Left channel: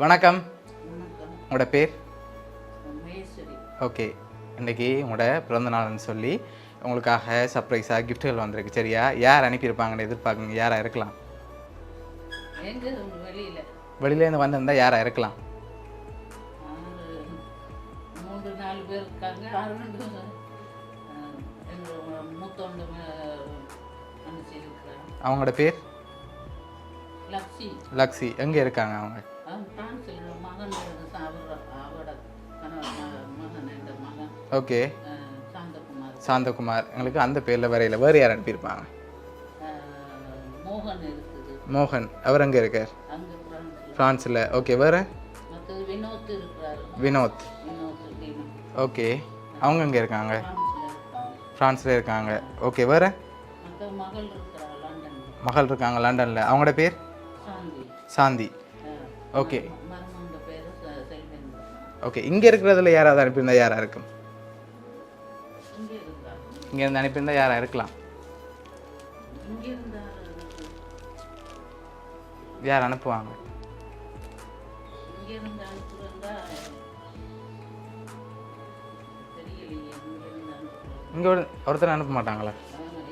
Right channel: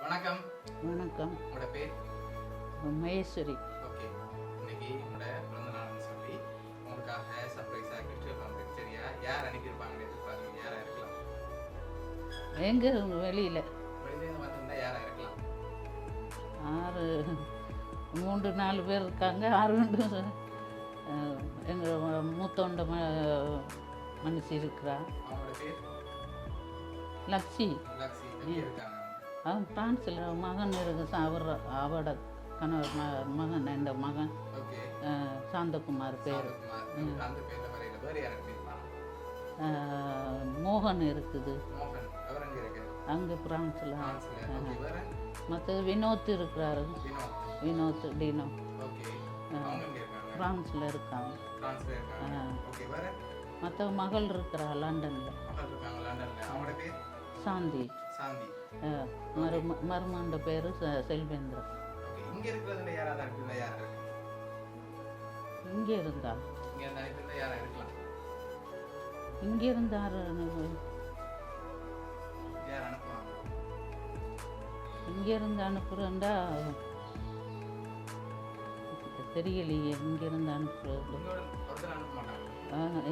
வணக்கம். வணக்கம். உங்களோட பேர்? மகேஸ்வரி. ஓகே. இன்றைக்கி உங்களோட பிறந்த நாள்னு சொல்லி உங்களுக்காக சர்ப்ரைஸாக கிஃப்ட்டுகள் வந்திருக்கு. சரியா? யார் அனுப்பியிருப்பாங்கன்னு எதிர்பார்க்குங்க? யாராக இருக்கலாம்? எங்கே வெளியில் வெளியிலேருந்து வந்திருந்தால் யாராக இருக்கலாம்? 3-4 பேர் இருக்காங்க. 6 எங்கள் மூத்தொண்ட மனசு இருக்கிறா. அவங்களோட பேர்? லக்ஷி. லக்ஷி. எங்கே இருக்காங்க அவங்க? பிரான்ஸில் மகன் இருக்கு. அவரோட கணவர் மகன் இந்த மகன். ஓகே. சாந்தகுமார். சாந்தகுமார். எங்களுக்கு அந்த பேரில் வரையில் வேறு யார் அனுப்பியிருப்பாங்க? மோகன் இருக்குது. மோகன். அவர் எங்கே இருக்கார்? அங்கே ஃப்ரான்ஸில். ஓகே. வேறு? மற்ற வினோத் இருக்கிறாரு. வினோத். டீனம். ஓகே. அவங்க எங்கே இருக்காங்க? ஃப்ரான்ஸில் இருக்காங்க. ஃப்ரான்ஸில் இருக்காங்க. ஓகே. வேறு? மற்ற மகள் இருக்கிறா லண்டனில். மகள் இருக்காங்க லண்டனில். அவங்களோட பேர்? சாந்தி. சாந்தி. ஓகே. மருமகன் பேர் செல்வேந்திரன். ஓகே. இங்கே இருக்கிறதுல யாராவது அனுப்பியிருந்தா யாராக இருக்கும்? இங்கே இருந்தா. இங்கேருந்து அனுப்பியிருந்தா யாராக இருக்கலாம்? இங்கே இருந்தார். யார் அனுப்புவாங்க? இங்கே இருந்து அனுப்புகிறேன்டா தெரியலையே. இங்கே இருந்து அனுப்புகிறோம். இங்கே ஒருத்தர் அனுப்ப மாட்டாங்களா?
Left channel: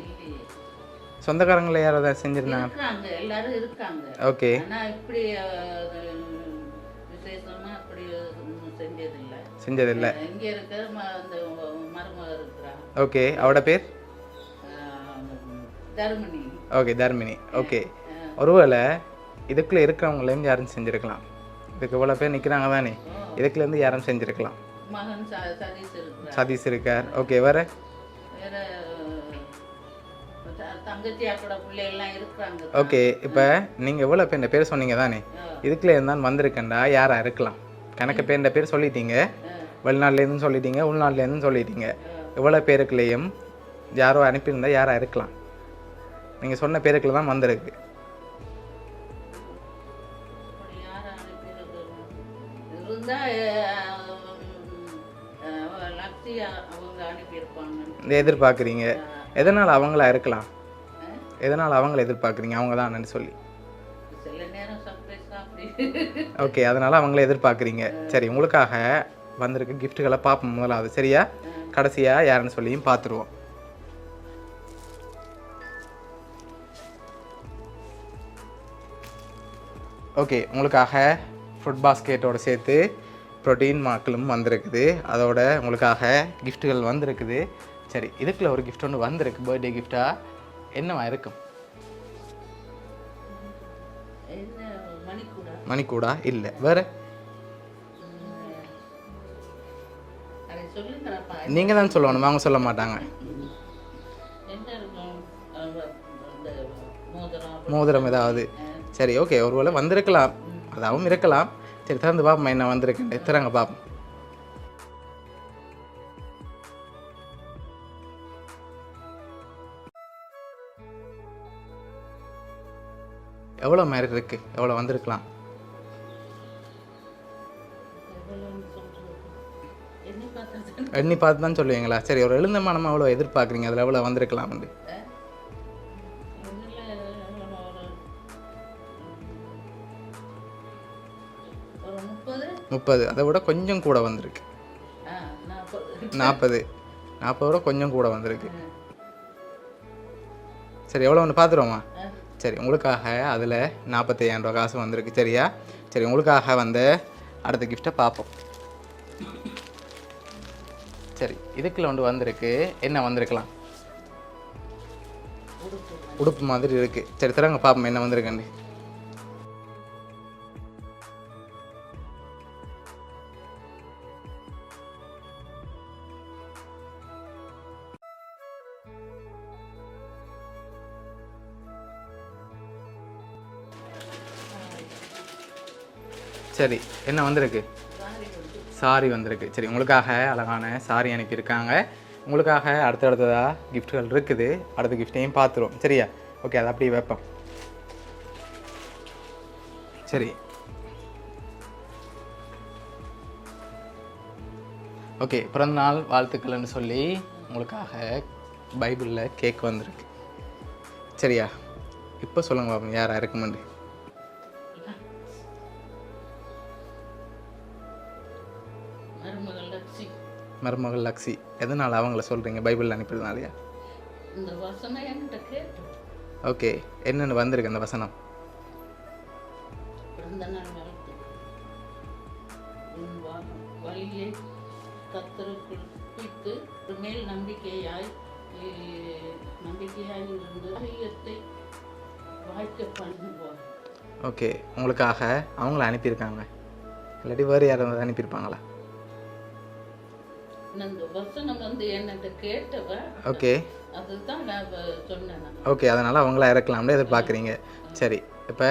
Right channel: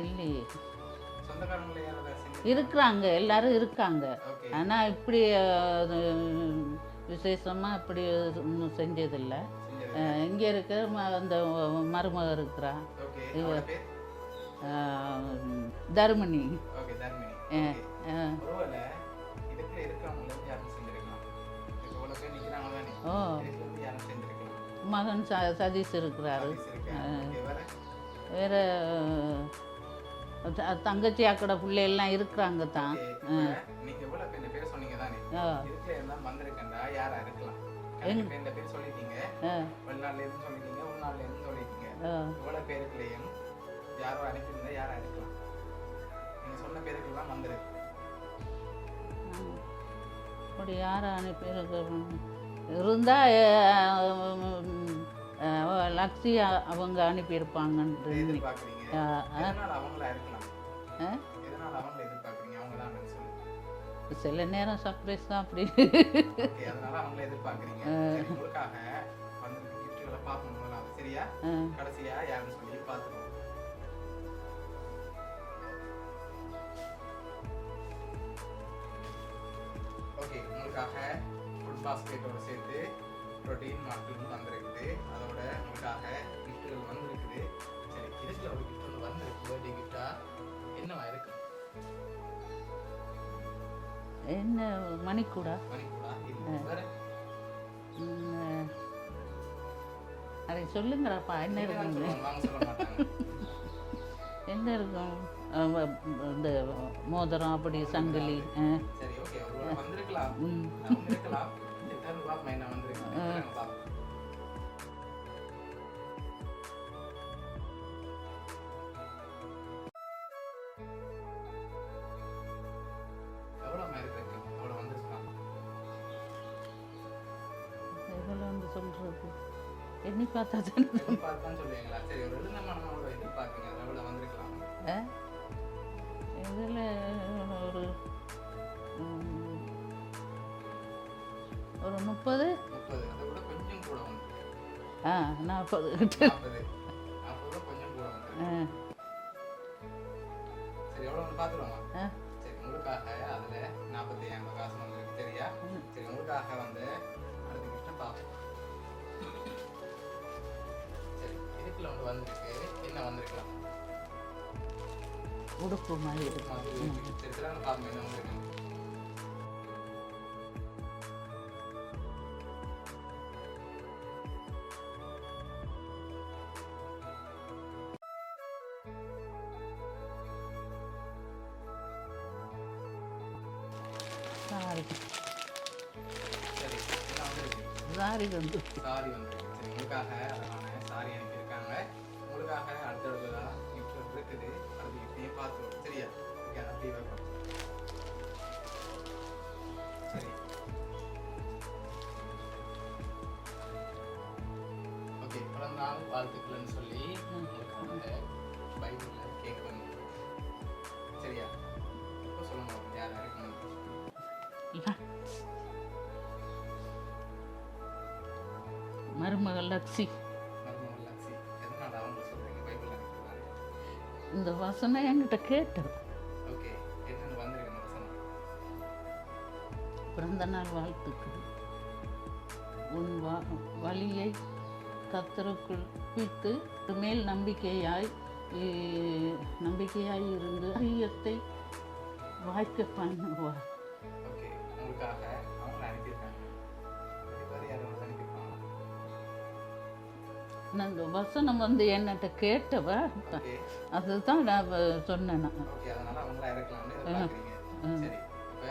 இல்லையே. சொந்தக்காரங்களை யாராவது செஞ்சுருந்தாங்க? இருக்கிறாங்க, எல்லாரும் இருக்காங்க. ஓகே. ஆனால் இப்படி விசேஷமாக இப்படி இன்னும் செஞ்சதில்லை. செஞ்சதில்லை. இங்கே இருக்க அந்த மருமக இருக்கிறா. ஓகே. அவட பேர்? தர்மினி. ஓகே. தர்மினி. ஓகே. ஒருவேளை இதுக்குள்ளே இருக்கிறவங்களையும் யாரும் செஞ்சுருக்கலாம். இதுக்கு இவ்வளோ பேர் நிற்கிறாங்க தானே, இதுக்குலேருந்து யாரும் செஞ்சுருக்கலாம். மகன் சதீஷ் இருக்கிறார். சதீஷ் இருக்கார். ஓகே. வேறு? வேறு தங்கச்சி அக்கட பிள்ளைகள்லாம் இருக்கிறாங்க. ஓகே. இப்போ நீங்கள் எவ்வளோ பேர் பேர் சொன்னீங்க தானே, இதுக்குள்ளே இருந்தால் வந்திருக்கேன்டா யாராக இருக்கலாம்? கணக்கு பேர் சொல்லிட்டீங்க. வெளிநாட்டிலேருந்து சொல்லிட்டீங்க, உள்நாட்டிலேருந்து சொல்லிட்டீங்க. இவ்வளோ பேருக்குள்ளேயும் யாரோ அனுப்பியிருந்தா யாராக இருக்கலாம்? நீங்கள் சொன்ன பேருக்குள்ள தான் வந்திருக்கு. யாரை அனுப்பியிருக்க இருந்தா லக்ஷி அவங்க அனுப்பியிருப்பாங்கன்னு எதிர்பார்க்குறீங்க. எதனால் அவங்களா இருக்கலாம்? எதனால் அவங்கள எதிர்பார்க்குறீங்க அவங்க தான் சொல்லி? சில நேரம் சர்ப்ரைஸ் தான் அப்படி. ஓகே. அதனால் அவங்கள எதிர்பார்க்குறீங்க. சரி, உங்களுக்காக வந்திருக்க கிஃப்ட்டுகளை பார்ப்போம் முதலாவது. சரியா? கடைசியாக யாருன்னு சொல்லியும் பார்த்துருவோம். ஓகே. உங்களுக்காக ஃப்ரூட் பாஸ்கெட்டோடு சேர்த்து ப்ரோட்டீன் மாக்களும் வந்திருக்குது. அதோட உங்களுக்காக கிஃப்ட்டுகள் வந்திருக்குது. சரி, இதுக்குள்ள ஒரு கிஃப்ட் ஒன்று வந்திருக்கு. பர்த்டே கிஃப்டாக என்னவா இருக்கும்? என்ன? மணிக்கூடா? மணிக்கூடா இல்லை. வேறு? சொல்லுங்கப்பா. நீங்கள் தான் சொல்லணும், அவங்க சொல்ல மாட்டாங்க. என்ன இருக்கும்? மோதிரம் ஏதாவது? சரி, ஓகே. ஒருவேளை வந்திருக்கலாம், அதாவும் இருக்கலாம். சரி, திறந்து பாப்போம் என்ன வந்திருக்கு. திறங்க பாப்போம். எவ்வளோ மாதிரி இருக்கு? எவ்வளோ வந்திருக்கலாம்? எண்ணி பார்த்து தான் சொல்லுவீங்களா? சரி, ஒரு எழுந்தமானமா எவ்வளோ எதிர்பார்க்குறீங்க? அதில் எவ்வளோ வந்திருக்கலாம்? வந்து 30. அதை விட கொஞ்சம் கூட வந்திருக்கு. 40 விட கொஞ்சம் கூட வந்திருக்கு. சரி, எவ்வளோ ஒன்று பார்த்துருவோமா? சரி, உங்களுக்காக அதில் 45,000 ரூபா காசு வந்திருக்கு. சரியா? சரி, உங்களுக்காக வந்த அடுத்த கிஃப்டை பார்ப்போம். சரி, இதுக்குள்ள ஒன்று வந்திருக்கு. என்ன வந்திருக்கலாம்? உடுப்பு மாதிரி இருக்கு. சரி, திறங்க பார்ப்போம் என்ன வந்திருக்குன்னு. சரி, என்ன வந்திருக்கு? சாரி வந்திருக்கு. சரி, உங்களுக்காக அழகான சாரி அனுப்பியிருக்காங்க. உங்களுக்காக அடுத்ததாக கிஃப்ட்டுகள் இருக்குது. அடுத்த கிஃப்ட்டையும் பார்த்துருவோம். சரியா? ஓகே. அதை அப்படியே வைப்போம். சரி, ஓகே. பிறந்தநாள் வாழ்த்துக்கள்னு சொல்லி உங்களுக்காக பைபிளில் கேக் வந்திருக்கு. சரியா? இப்போ சொல்லுங்க பாப்போம் யாராக இருக்குமெண்டு. லக்ஸி. மருமகள் லக்ஸி. எதனால் அவங்கள சொல்கிறீங்க? பைபிள் அனுப்பிடுறதுனாலயா? இந்த வசனம் என்கிட்ட கேட்டது. ஓகே, என்னென்னு வந்திருக்கு அந்த வசனம்? பிறந்த நாள் வாழ்த்துக்கு. உன் வழியை கர்த்தருக்குள் குவித்து மேல் நம்பிக்கையாய் இருந்து காரியத்தை வாய்க்க பண்ணுவார். ஓகே, உங்களுக்காக அவங்கள அனுப்பியிருக்காங்க, இல்லாட்டி வேறு யாராவது அனுப்பியிருப்பாங்களா? இந்த வசனம் வந்து என்னட்ட கேட்டவ. ஓகே, அதுதான் நான் சொன்னேன். ஓகே, அதனால் அவங்கள இறக்கலாம்னு எதிர்பார்க்குறீங்க. சரி, இப்போ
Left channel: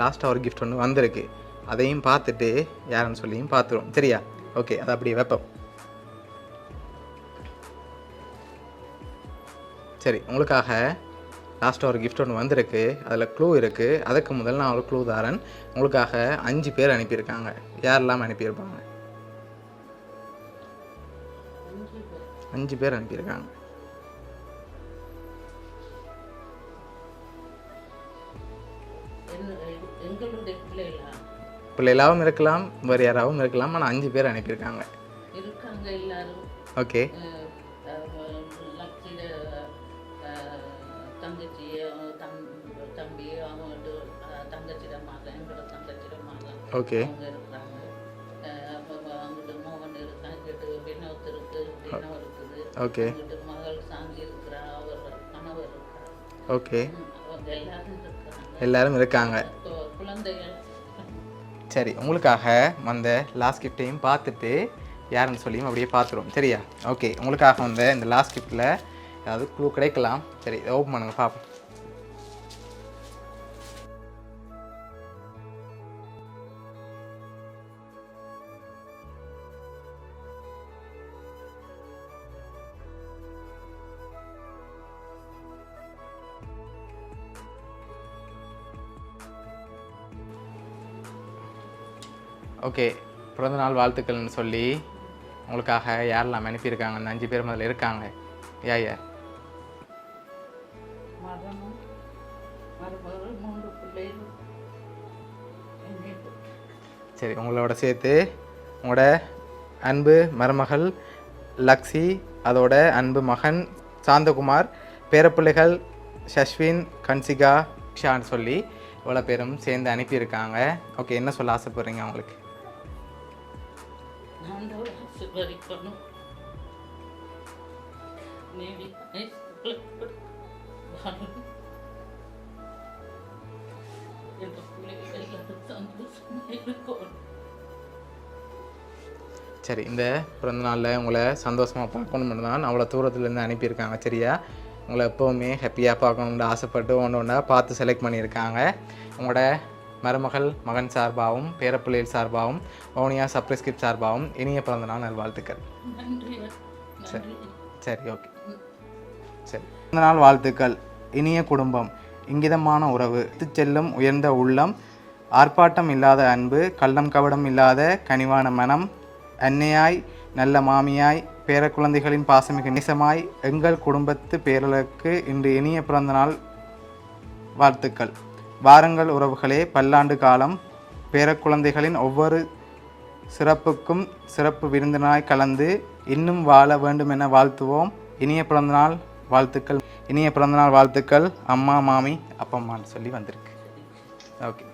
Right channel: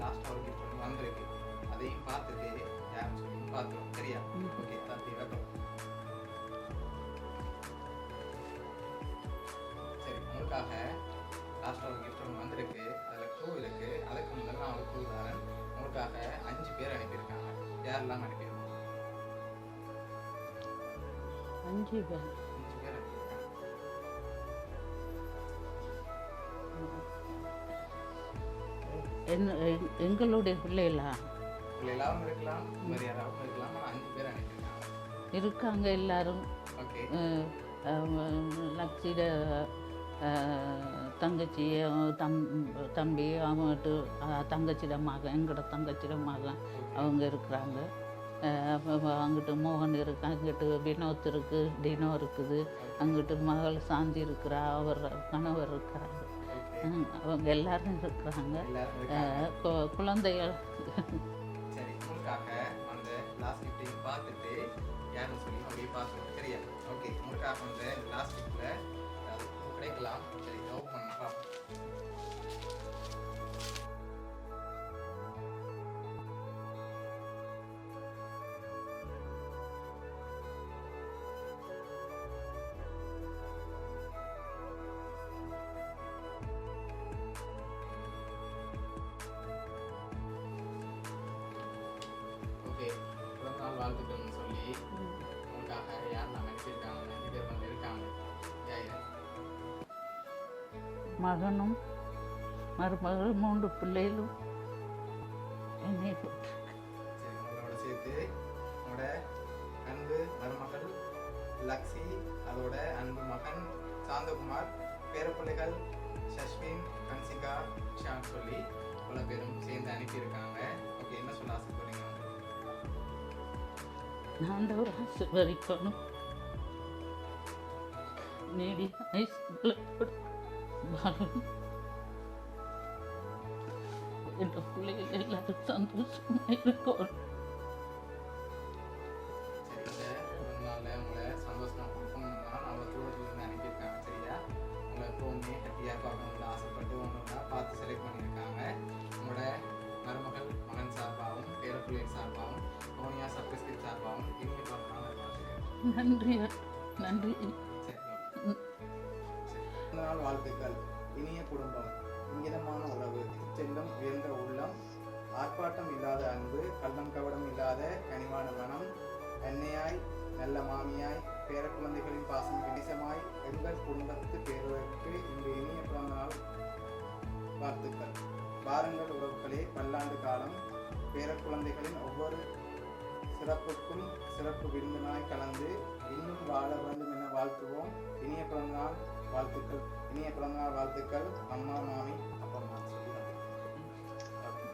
லாஸ்ட்டாக ஒரு கிஃப்ட் ஒன்று வந்திருக்கு, அதையும் பார்த்துட்டு யாருன்னு சொல்லியும் பார்த்துருவோம். சரியா? ஓகே, அதை அப்படியே வைப்போம். சரி, உங்களுக்காக லாஸ்ட்டாக ஒரு கிஃப்ட் ஒன்று வந்திருக்கு, அதில் க்ளூ இருக்குது. அதுக்கு முதல்ல நான் ஒரு க்ளூ தாரன். உங்களுக்காக 5 பேர் அனுப்பியிருக்காங்க. யாரெல்லாம் அனுப்பியிருப்பாங்க? 5 பேர் அனுப்பியிருக்காங்க. எங்களுடைய பிள்ளைகளாகவும் இருக்கலாம், வேறு யாராகவும் இருக்கலாம். ஆனால் 5 பேர் அனுப்பியிருக்காங்க இருக்காங்க எல்லாரும். ஓகே, லக்ஸிட தங்கச்சி தம்பி அவங்கட்டு தங்கச்சிட மகன், எங்களோட தங்கச்சிட மகன் ஓகே, அவங்க இருக்கிறாங்க. அங்கிட்டு மோகன் இருக்கு, அங்கிட்டு வினோத் இருக்கு, டினோ இருக்குது, ஓகே, அங்கிட்டு மகள் சாந்தி இருக்கிறா, அவர் கணவர் இருக்கிறாங்க. ஓகே, அவங்க எல்லாரும் இருக்கிறாங்க, எல்லாரும் இருக்காங்க, குழந்தைகள். சரி, உங்களுக்காக வந்த லாஸ்ட் கிஃப்டையும் பார்த்துட்டு யாருன்னு சொல்லியும் அப்படியே பார்த்துருவோம். சரியா? ஓகே, உங்களுக்காக வந்த இந்த லாஸ்ட் கிஃப்டில் ஏதாவது க்ளூ கிடைக்கலாம். சரி, இதை ஓப்பன் பண்ணுங்க பார்ப்போம். ஓகே, பிறந்தநாள் வாழ்த்துக்கள்னு சொல்லி உங்களுக்காக யாரெல்லாம் அனுப்பியிருக்காங்க? அந்த 5 பேர் முதல்ல இருக்காங்க. யார்? மகனும் மருமகள் 3 பிள்ளைகளும். சரி, உங்களோட சேர்த்து உங்களோட அன்பு மருமகள் லக்ஸி, அதோட அன்பு மகன் சாந்தகுமார், பேரப்பிள்ளைகள் ஷஸ்வின், கன்சிகா, ஷான்னு சொல்லி இவ்வளோ பேரும் சேர்ந்து அனுப்பியிருக்காங்க. ஓகே, என்ன சொல்ல ஆசைப்படுறீங்க அவங்களுக்கு? சரி, இந்த பிறந்த நாளில் உங்களை சந்தோஷமாக பார்க்கணும்னு தான் அவ்வளோ தூரத்துலேருந்து அனுப்பியிருக்காங்க. சரியா? உங்களை எப்போவுமே ஹாப்பியாக பார்க்கணுன்னு ஆசைப்பட்டு ஒன்றா பார்த்து செலக்ட் பண்ணியிருக்காங்க. உங்களோட மருமகள் மகன் சார்பாகவும் பேரப்பிள்ளைகள் சார்பாகவும் வவுனியா சப்ரஸ்கிரிப்ட் சார்பாகவும் இனிய பிறந்தநாள் நல்வாழ்த்துக்கள். சரி, ஓகே, சரி. பிறந்தநாள் வாழ்த்துக்கள். இனிய குடும்பம், இங்கிதமான உறவு, செல்லும் உயர்ந்த உள்ளம், ஆர்ப்பாட்டம் இல்லாத அன்பு, கள்ளம் கவடம் இல்லாத கனிவான மனம், அன்னையாய் நல்ல மாமியாய் பேரக்குழந்தைகளின் பாசமிகு நேசமாய் எங்கள் குடும்பத்து பேரலுக்கு இன்று இனிய பிறந்தநாள் வாழ்த்துக்கள். வாருங்கள் உறவுகளே, பல்லாண்டு காலம் பேரக்குழந்தைகளின் ஒவ்வொரு சிறப்புக்கும் சிறப்பு விருந்தினாய் கலந்து இன்னும் வாழ வேண்டும் என வாழ்த்துவோம். இனிய பிறந்தநாள் வாழ்த்துக்கள். இனிய பிறந்தநாள் வாழ்த்துக்கள் அம்மா, மாமி, அப்பம்மான்னு சொல்லி வந்திருக்கு. ஓகே.